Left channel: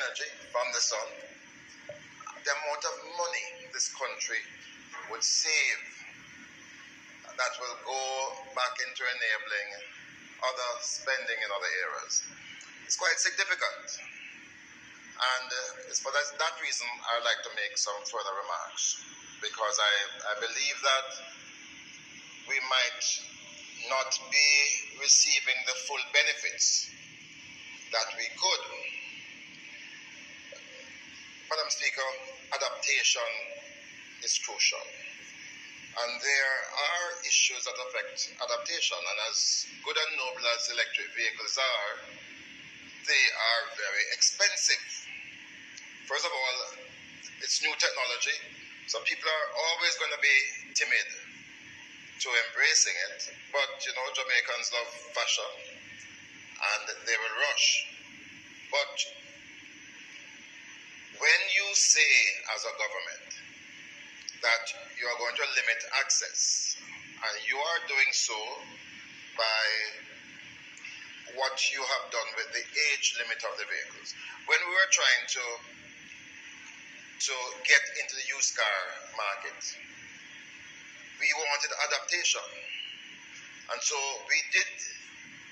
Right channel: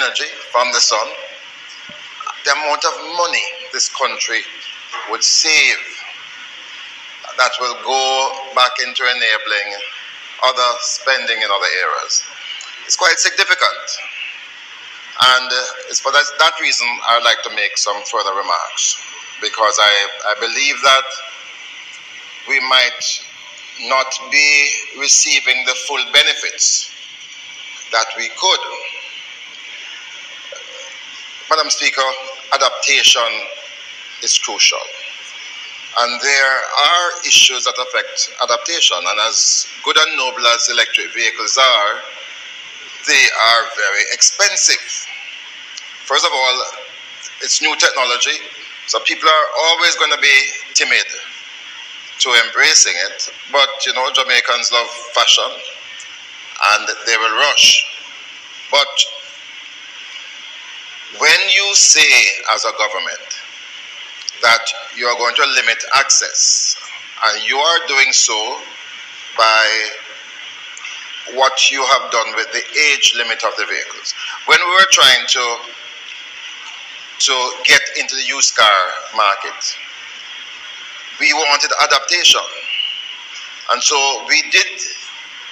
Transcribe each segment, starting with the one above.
energy from the sun, the amount of money this country would save that will go back into enabling other spending in other areas. It's quite significant. And it's for that reason I'd like to make some further remarks, because I believe that we might not be receiving the full benefits that we could. Madam Speaker, adaptation is crucial. And there are issues that affect adaptation, and as good and noble as electric vehicles are, they are very expensive. First of all, it's new technology, so people are always going to be timid to embracing it. But, you know, Jamaicans love fashion, and they will rush. But when you say as a government that you are going to limit access, and you are doing so by what you have done with the age limit of the vehicles. When we were trying to get into the used car market, we wanted adaptation. And so we did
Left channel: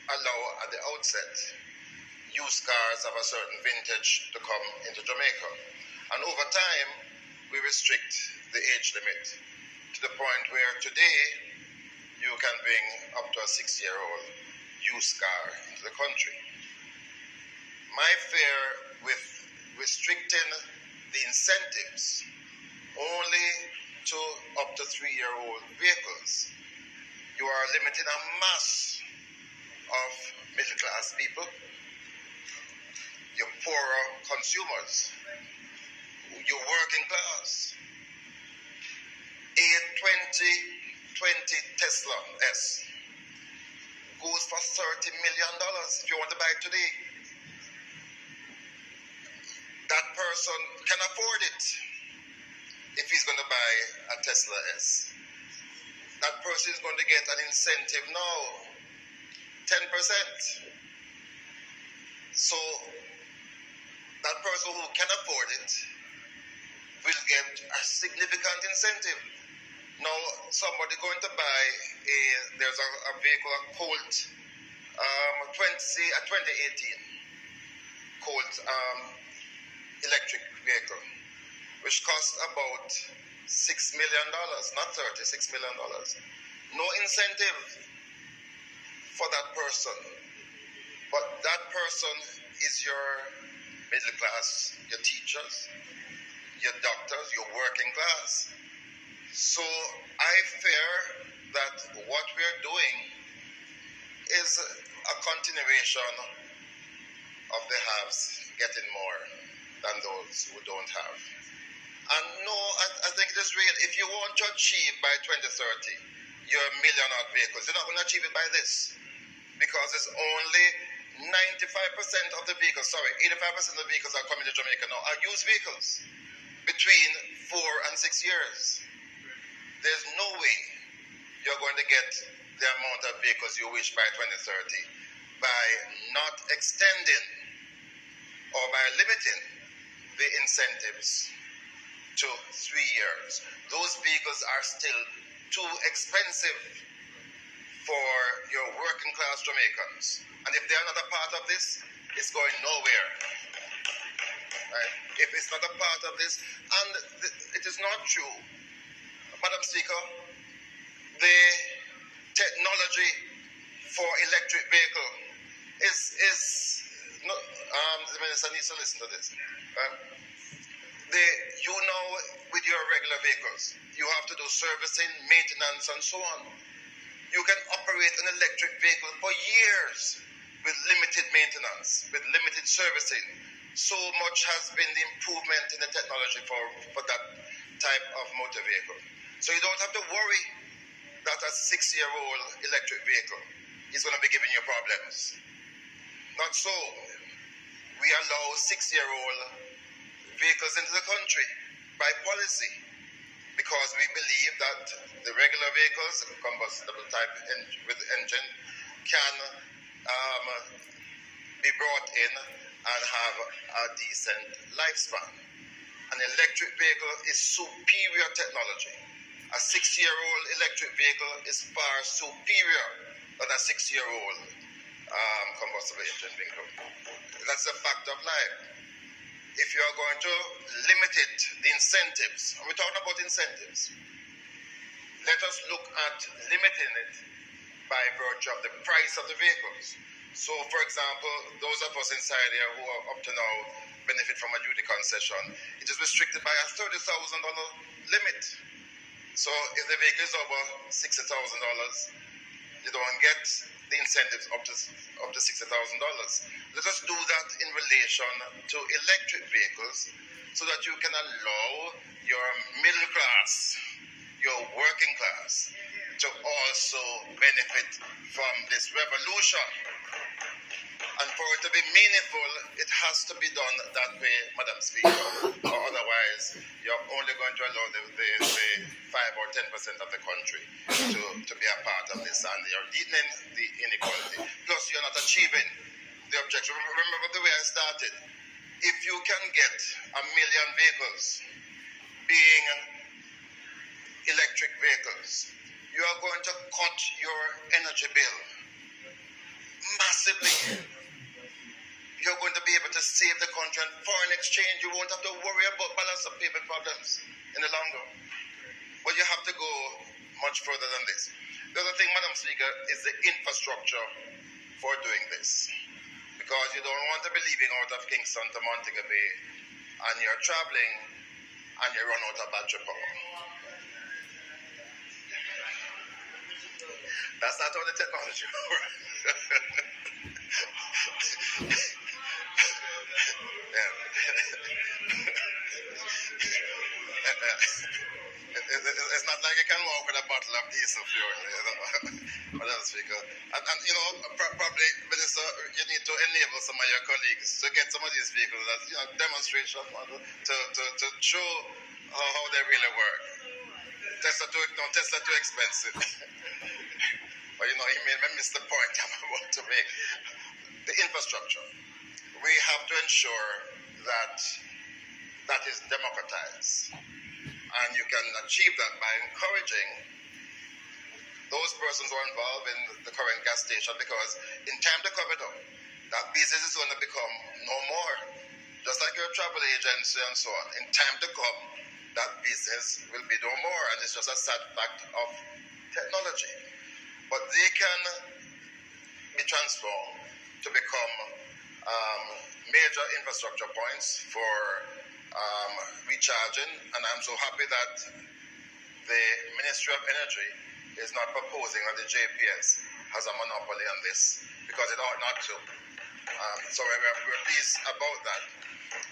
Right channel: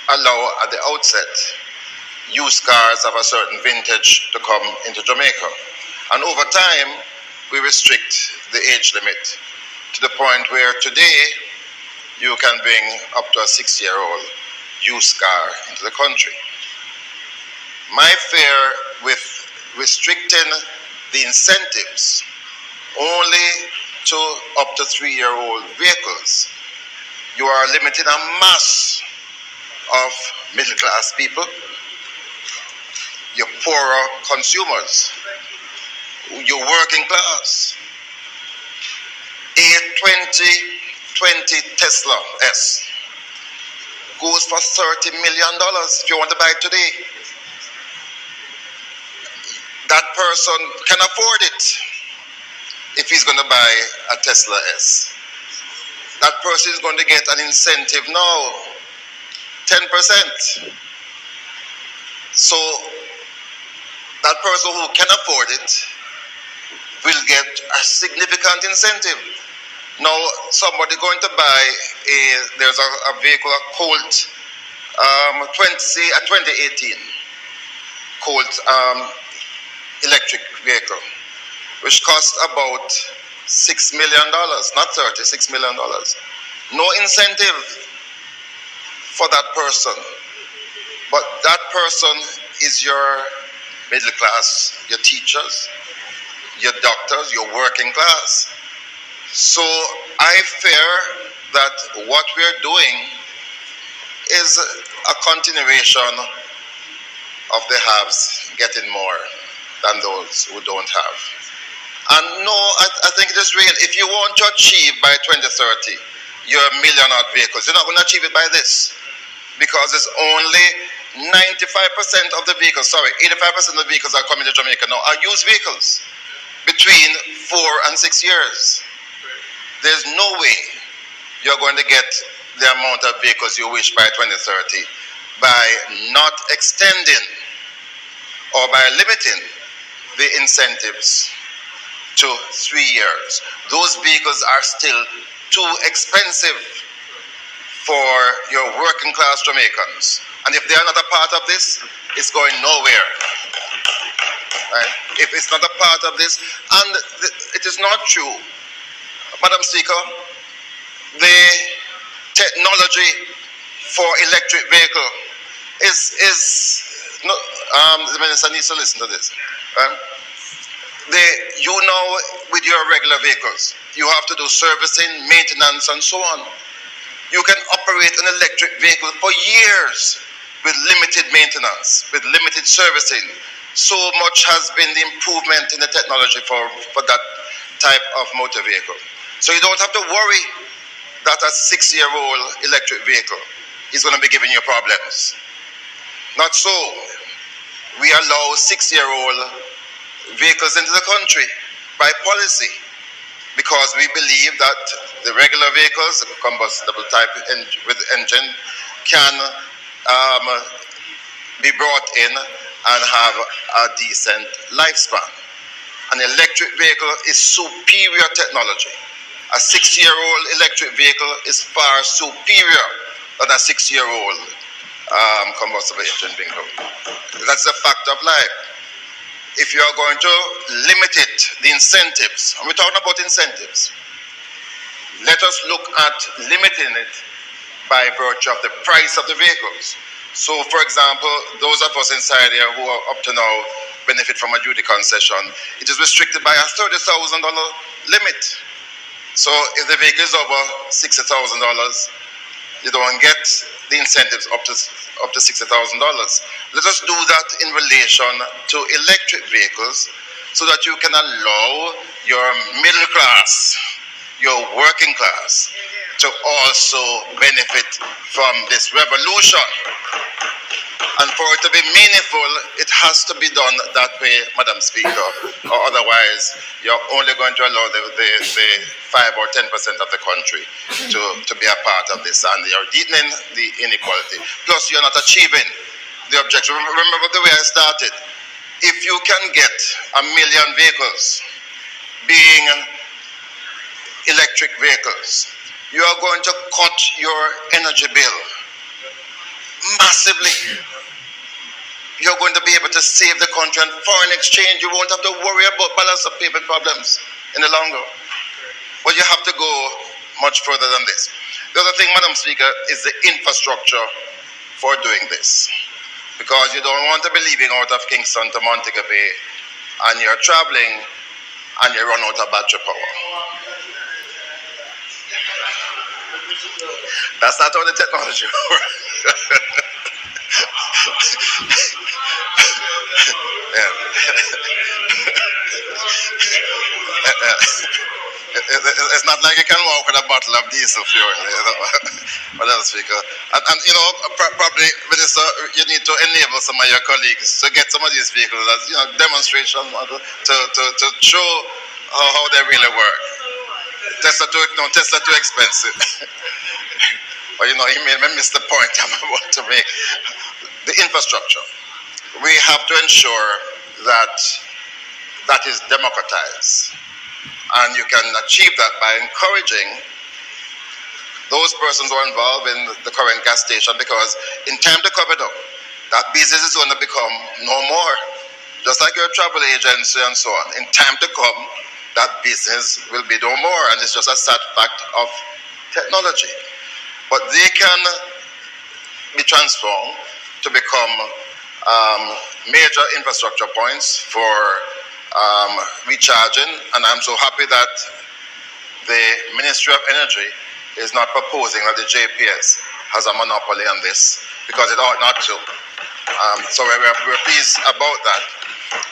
allow at the outset used cars of a certain vintage to come into Jamaica. And over time, we restrict the age limit to the point where today you can bring up to a 6-year-old used car into the country. My fear with restricting the incentives only to up to 3-year-old vehicles, you are limiting a mass of middle-class people, your poorer consumers, your working class. A 2020 Tesla S goes for $30 million if you want to buy it today. That person can afford it if he's going to buy a Tesla S. That person is going to get an incentive now, 10%. So that person who can afford it will get a significant incentive. Now, somebody going to buy there's a vehicle, a Colt, a 2018 Colt electric vehicle, which costs about $6 million, not 30, $6 million. No incentive for that person. But that person is your middle class, your teachers, your doctors, your working class. So I fear that what we're doing is a continuation of the haves getting more than those who don't have. And no, I think it is real. If you want to achieve by 2030 your million-odd vehicles, you're not going to achieve it by this, because it's only 95% of the vehicles, 85% of the vehicles that are coming to Jamaica now are used vehicles between 4 and 6 years. There's no way you're going to get the amount of vehicles you wish by 2030 by not extending or by limiting the incentives to 3 years. Those vehicles are still too expensive for your working class Jamaicans. And if they are not a part of this, it's going nowhere. Right? If it's not a part of this, and it is not true, Madam Speaker, the technology for electric vehicle is no, the minister needs to listen to this. Right? You know, with your regular vehicles, you have to do servicing, maintenance, and so on. You can operate an electric vehicle for years with limited maintenance, with limited servicing. So much has been the improvement in the technology for that type of motor vehicle. So you don't have to worry that a 6-year-old electric vehicle is going to be giving you problems. Not so. We allow 6-year-old vehicles into the country by policy, because we believe that the regular vehicles, the combustible type with engine, can be brought in and have a decent lifespan. An electric vehicle is superior technology. A 6-year-old electric vehicle is far superior than a 6-year-old combustible engine vehicle. That's a fact of life. If you are going to limit it, the incentives, and we're talking about incentives, let us look at limiting it by virtue of the price of the vehicles. So, for example, those of us inside here who are up to now benefit from a duty concession, it is restricted by a $30,000 limit. So if the vehicle is over $60,000, you don't get the incentives up to $60,000. Let us do that in relation to electric vehicles so that you can allow your middle class, your working class, to also benefit from this revolution. And for it to be meaningful, it has to be done that way, Madam Speaker, or otherwise you're only going to allow the 5 or 10% of the country to be a part of this, and you're deepening the inequality. Plus, you're not achieving the objective. Remember the way I started. If you can get 1 million vehicles being electric vehicles, you are going to cut your energy bill massively. You're going to be able to save the country, and foreign exchange, you won't have to worry about balance of payment problems in the long run. But you have to go much further than this. The other thing, Madam Speaker, is the infrastructure for doing this. Because you don't want to be leaving out of Kingston to Montego Bay, and you're traveling, and you run out of battery power. That's not how the technology works. It's not like you can walk with a bottle of diesel fuel, Madam Speaker. And you know, probably, Minister, you need to enable some of your colleagues to get some of these vehicles as demonstration model to show how they really work. Tesla too expensive. But you made me miss the point I'm about to make. The infrastructure. We have to ensure that is democratized. And you can achieve that by encouraging those persons who are involved in the current gas station, because in time to come, that business is going to become no more. Just like your travel agency and so on. In time to come, that business will be no more, and it's just a sad fact of technology. But they can be transformed to become major infrastructure points for recharging, and I'm so happy that the Ministry of Energy is not proposing that the JPS has a monopoly on this, because it ought not to. So we're pleased about that.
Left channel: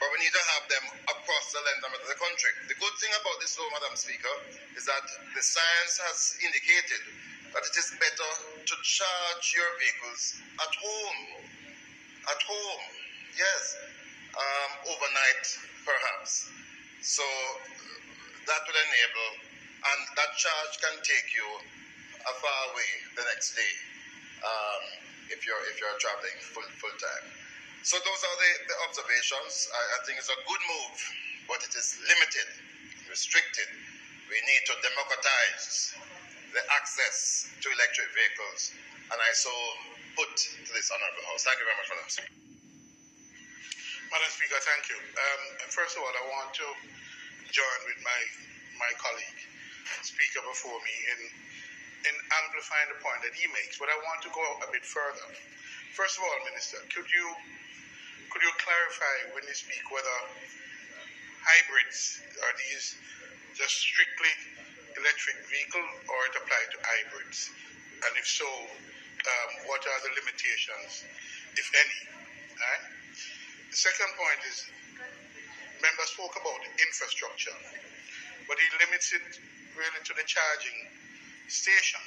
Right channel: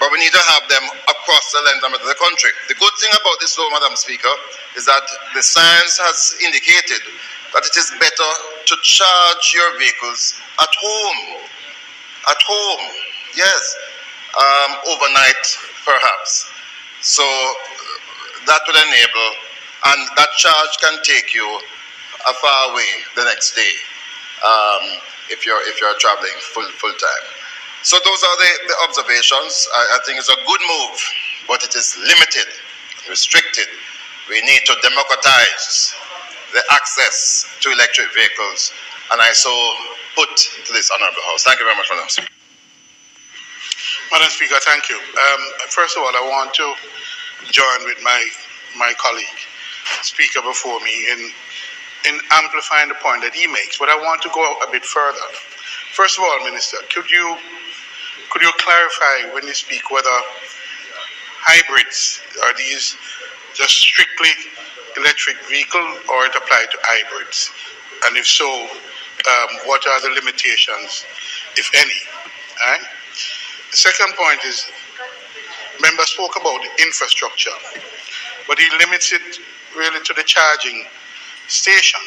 But we need to have them across the length of the country. The good thing about this law, Madam Speaker, is that the science has indicated that it is better to charge your vehicles at home. At home, yes. Overnight, perhaps. So that will enable, and that charge can take you a far way the next day if you're traveling full time. So those are the observations. I think it's a good move, but it is limited, restricted. We need to democratize the access to electric vehicles, and I so put to this honourable House. Thank you very much, Madam Speaker. Madam Speaker, thank you. First of all, I want to join with my colleague, speaker before me, in amplifying the point that he makes, but I want to go a bit further. First of all, Minister, could you clarify when you speak whether hybrids, are these just strictly electric vehicle, or it apply to hybrids? And if so, what are the limitations, if any? All right? The second point is, member spoke about the infrastructure, but he limits it really to the charging station.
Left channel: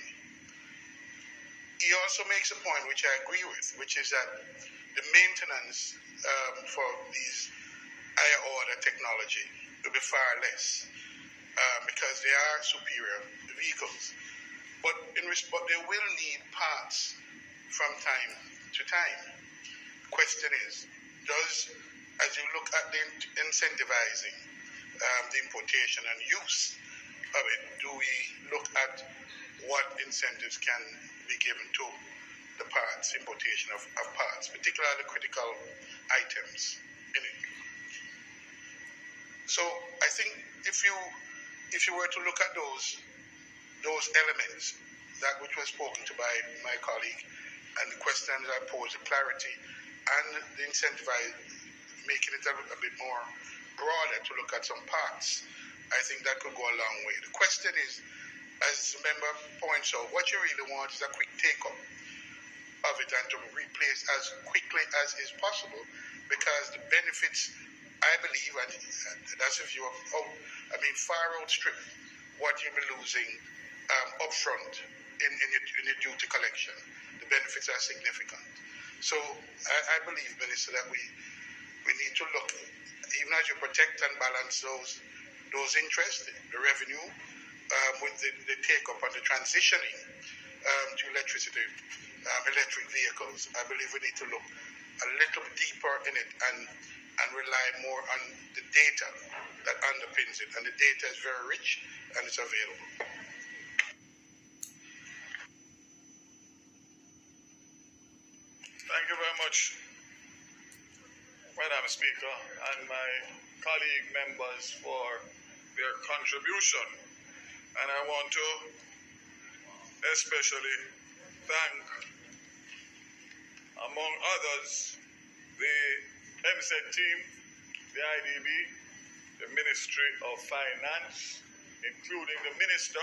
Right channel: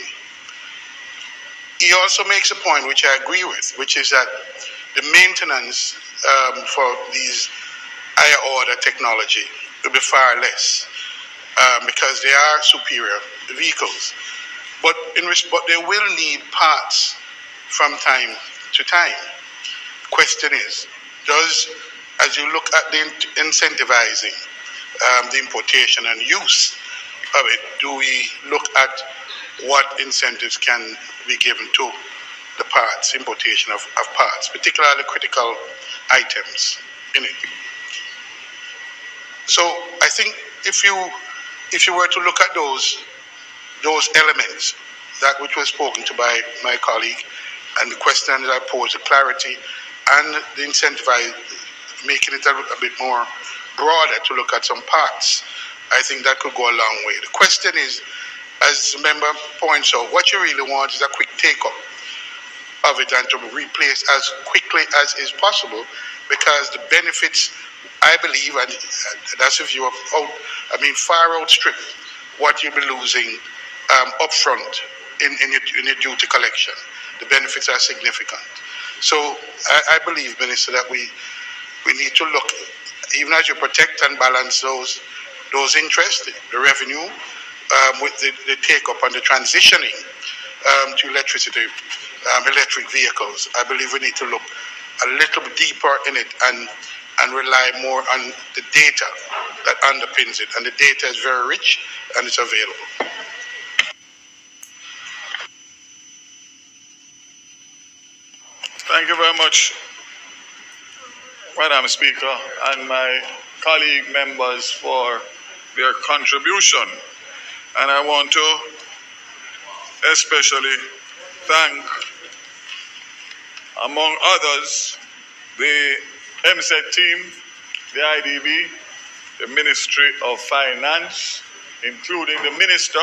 He also makes a point which I agree with, which is that the maintenance for these higher order technology will be far less because they are superior vehicles. But they will need parts from time to time. Question is, as you look at the incentivizing the importation and use of it, do we look at what incentives can be given to the parts, importation of parts, particularly critical items in it? So I think if you were to look at those elements, that which was spoken to by my colleague, and the question that I posed, the clarity and the incentivize, making it a bit more broader to look at some parts, I think that could go a long way. The question is, as the member points out, what you really want is a quick take-up of it and to replace as quickly as is possible, because the benefits, I believe, and that's if you have far outstrip what you'll be losing upfront in your duty collection. The benefits are significant. So I believe, Minister, that we need to look, even as you protect and balance those interests, the revenue, with the take-up and the transitioning to electric vehicles. I believe we need to look a little bit deeper in it and rely more on the data that underpins it. And the data is very rich and it's available. Thank you very much, Madam Speaker, and my colleague members for their contribution. And I want to especially thank, among others, the MSET team, the IDB, the Ministry of Finance, including the Minister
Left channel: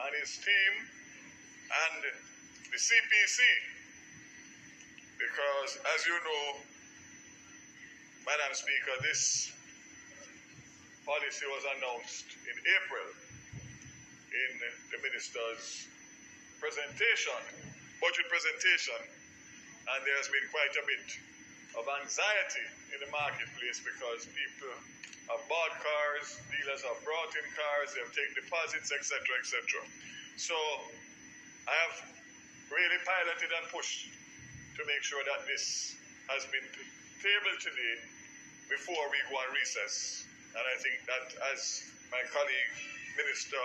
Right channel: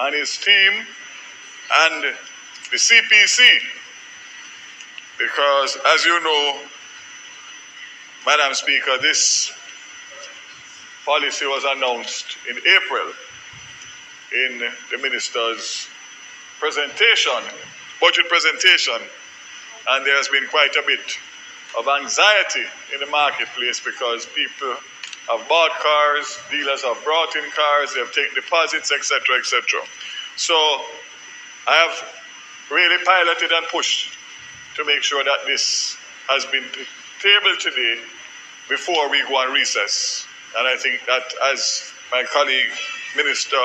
and his team, and the CPC, because as you know, Madam Speaker, this policy was announced in April in the Minister's presentation, budget presentation, and there has been quite a bit of anxiety in the marketplace because people have bought cars, dealers have brought in cars, they have taken deposits, etc., etc. So I have really piloted and pushed to make sure that this has been tabled today before we go on recess. And I think that, as my colleague Minister,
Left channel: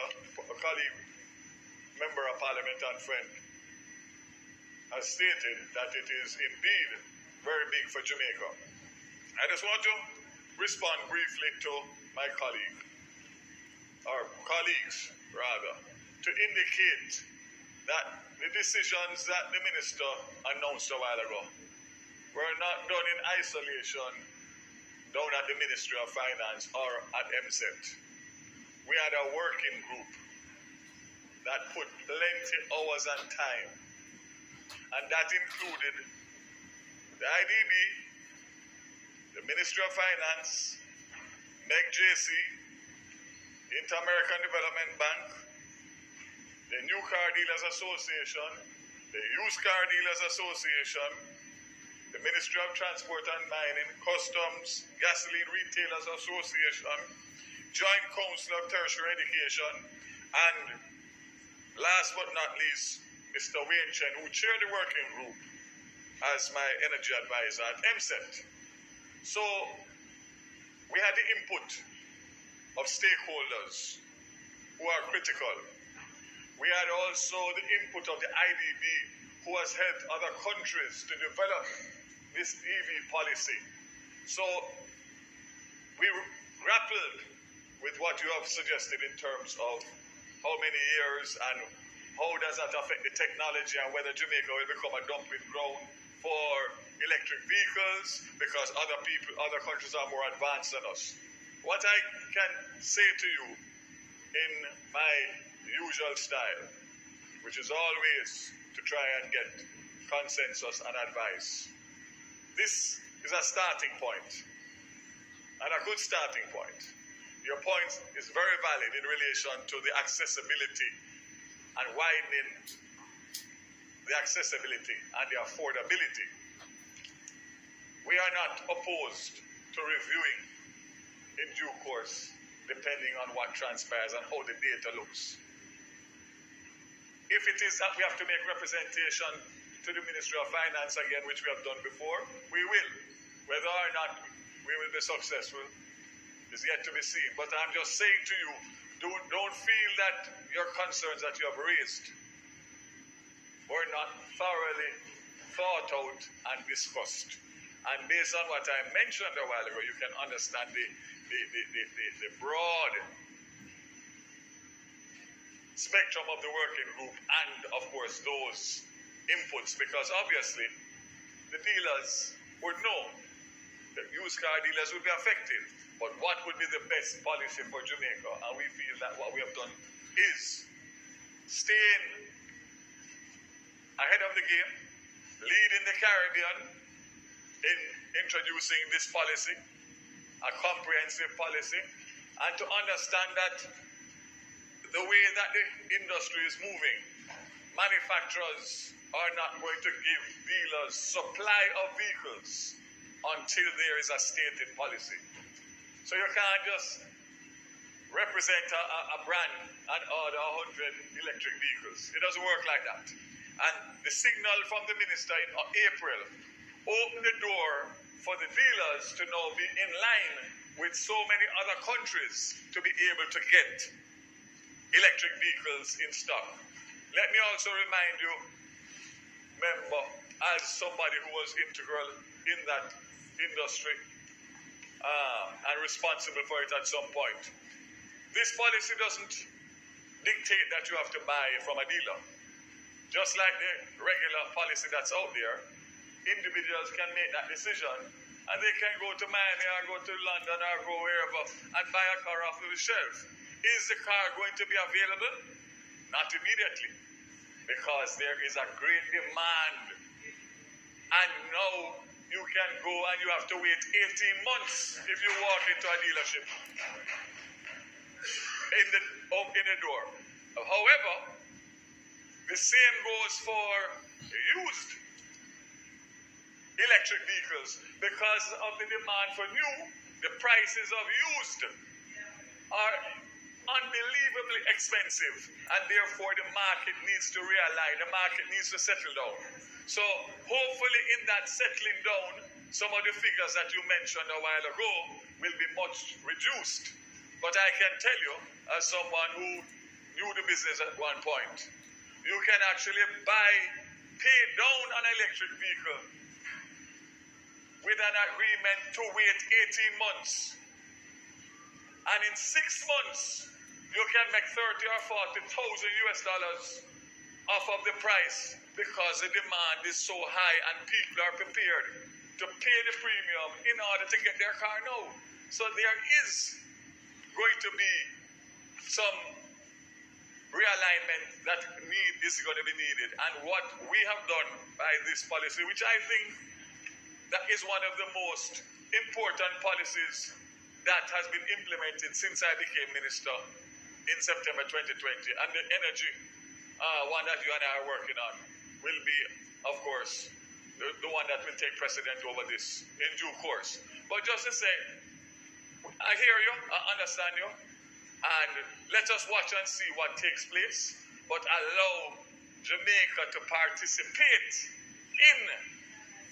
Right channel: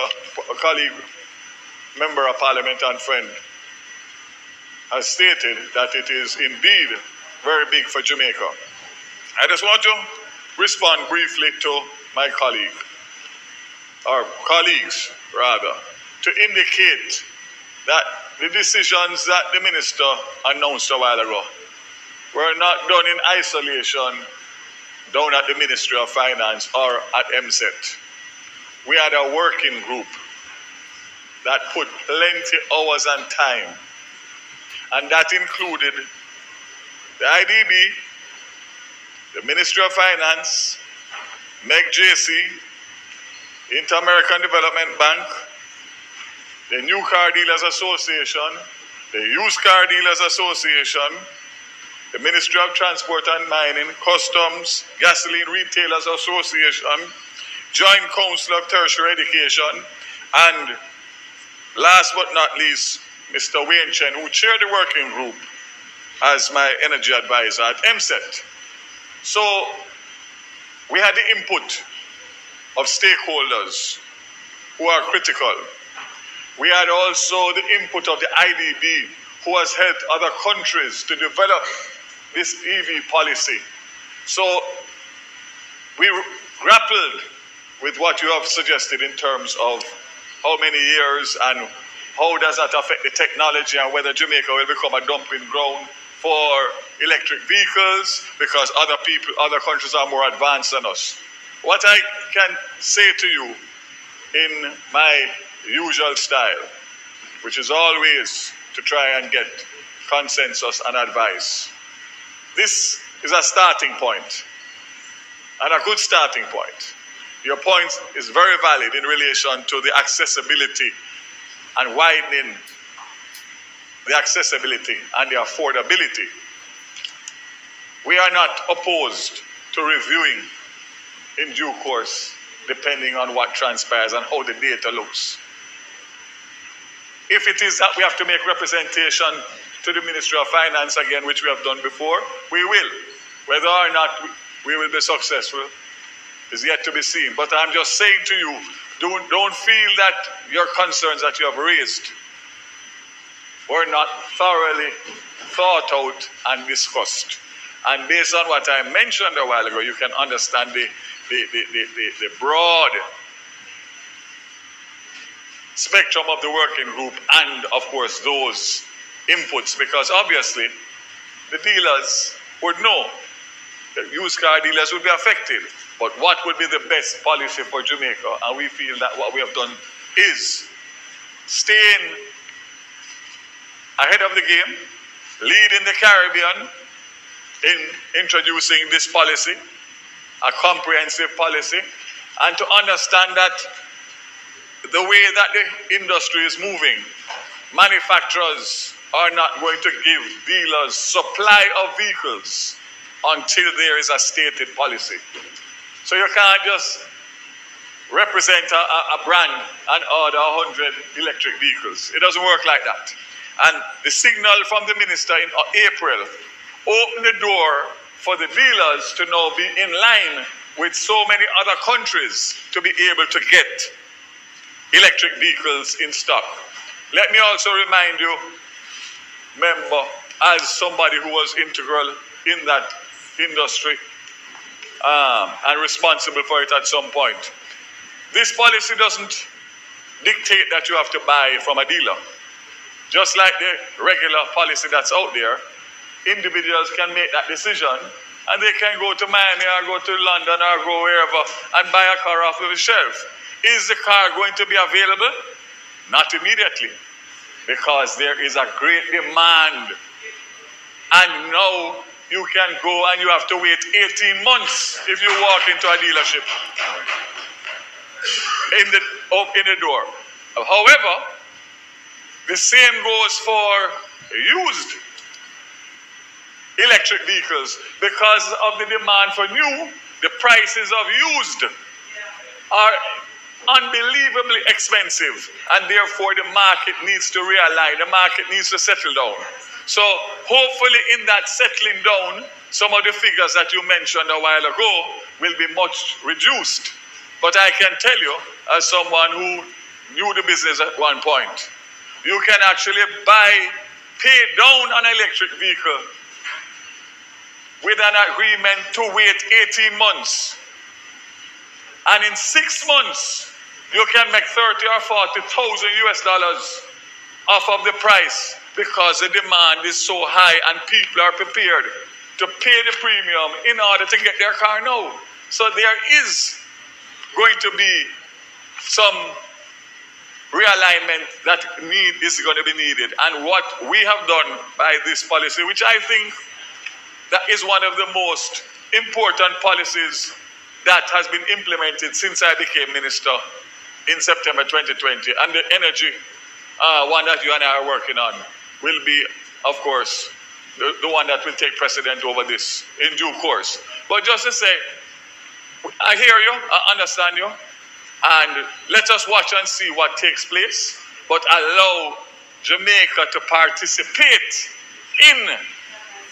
Member of Parliament and friend has stated, that it is indeed very big for Jamaica. I just want to respond briefly to my colleague, or colleagues rather, to indicate that the decisions that the Minister announced a while ago were not done in isolation down at the Ministry of Finance or at MSET. We had a working group that put plenty hours and time, and that included the IDB, the Ministry of Finance, MEGJC, Inter-American Development Bank, the New Car Dealers Association, the Used Car Dealers Association, the Ministry of Transport and Mining, Customs, Gasoline Retailers Association, Joint Council of Tertiary Education, and last but not least, Mr. Wayne Chen, who chaired the working group as my energy advisor at MSET. So we had the input of stakeholders who are critical. We had also the input of the IDB, who has helped other countries to develop this EV policy. So we grappled with what you have suggested in terms of how many years and how does that affect the technology and whether Jamaica will become a dumping ground for electric vehicles because other countries are more advanced than us. What I can say to you in my usual style, which is always to try and get consensus and advice. This is a starting point, and a good starting point. Your point is very valid in relation to the accessibility and widening the accessibility and the affordability. We are not opposed to reviewing in due course, depending on what transpires and how the data looks. If it is that we have to make representation to the Ministry of Finance again, which we have done before, we will. Whether or not we will be successful is yet to be seen. But I'm just saying to you, don't feel that your concerns that you have raised were not thoroughly thought out and discussed. And based on what I mentioned a while ago, you can understand the broad spectrum of the working group and, of course, those inputs, because obviously the dealers would know, the used car dealers would be affected, but what would be the best policy for Jamaica? And we feel that what we have done is staying ahead of the game, leading the Caribbean in introducing this policy, a comprehensive policy, and to understand that the way that the industry is moving, manufacturers are not going to give dealers supply of vehicles until there is a stated policy. So you can't just represent a brand and order 100 electric vehicles. It doesn't work like that. And the signal from the minister in April opened the door for the dealers to now be in line with so many other countries to be able to get electric vehicles in stock. Let me also remind you, member, as somebody who was integral in that industry and responsible for it at some point, this policy doesn't dictate that you have to buy from a dealer. Just like the regular policy that's out there, individuals can make that decision and they can go to Miami or go to London or go wherever and buy a car off of the shelf. Is the car going to be available? Not immediately, because there is a great demand. And now you can go and you have to wait 18 months if you walk into a dealership in the door. However, the same goes for used electric vehicles. Because of the demand for new, the prices of used are unbelievably expensive, and therefore the market needs to realign, the market needs to settle down. So hopefully in that settling down, some of the figures that you mentioned a while ago will be much reduced. But I can tell you, as someone who knew the business at one point, you can actually pay down an electric vehicle with an agreement to wait 18 months. And in 6 months, you can make 30 or 40,000 US dollars off of the price, because the demand is so high and people are prepared to pay the premium in order to get their car now. So there is going to be some realignment that is going to be needed. And what we have done by this policy, which I think that is one of the most important policies that has been implemented since I became minister in September 2020, and the energy one that you and I are working on will be, of course, the one that will take precedent over this in due course. But just to say, I hear you, I understand you, and let us watch and see what takes place, but allow Jamaica to participate in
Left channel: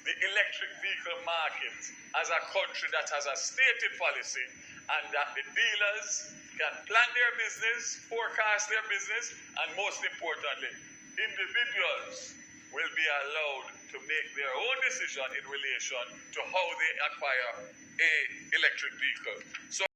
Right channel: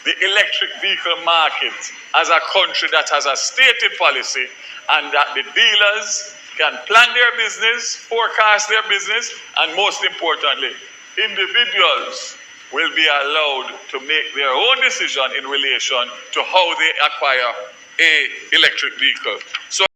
the electric vehicle market as a country that has a stated policy, and that the dealers can plan their business, forecast their business, and most importantly, individuals will be allowed to make their own decision in relation to how they acquire an electric vehicle. So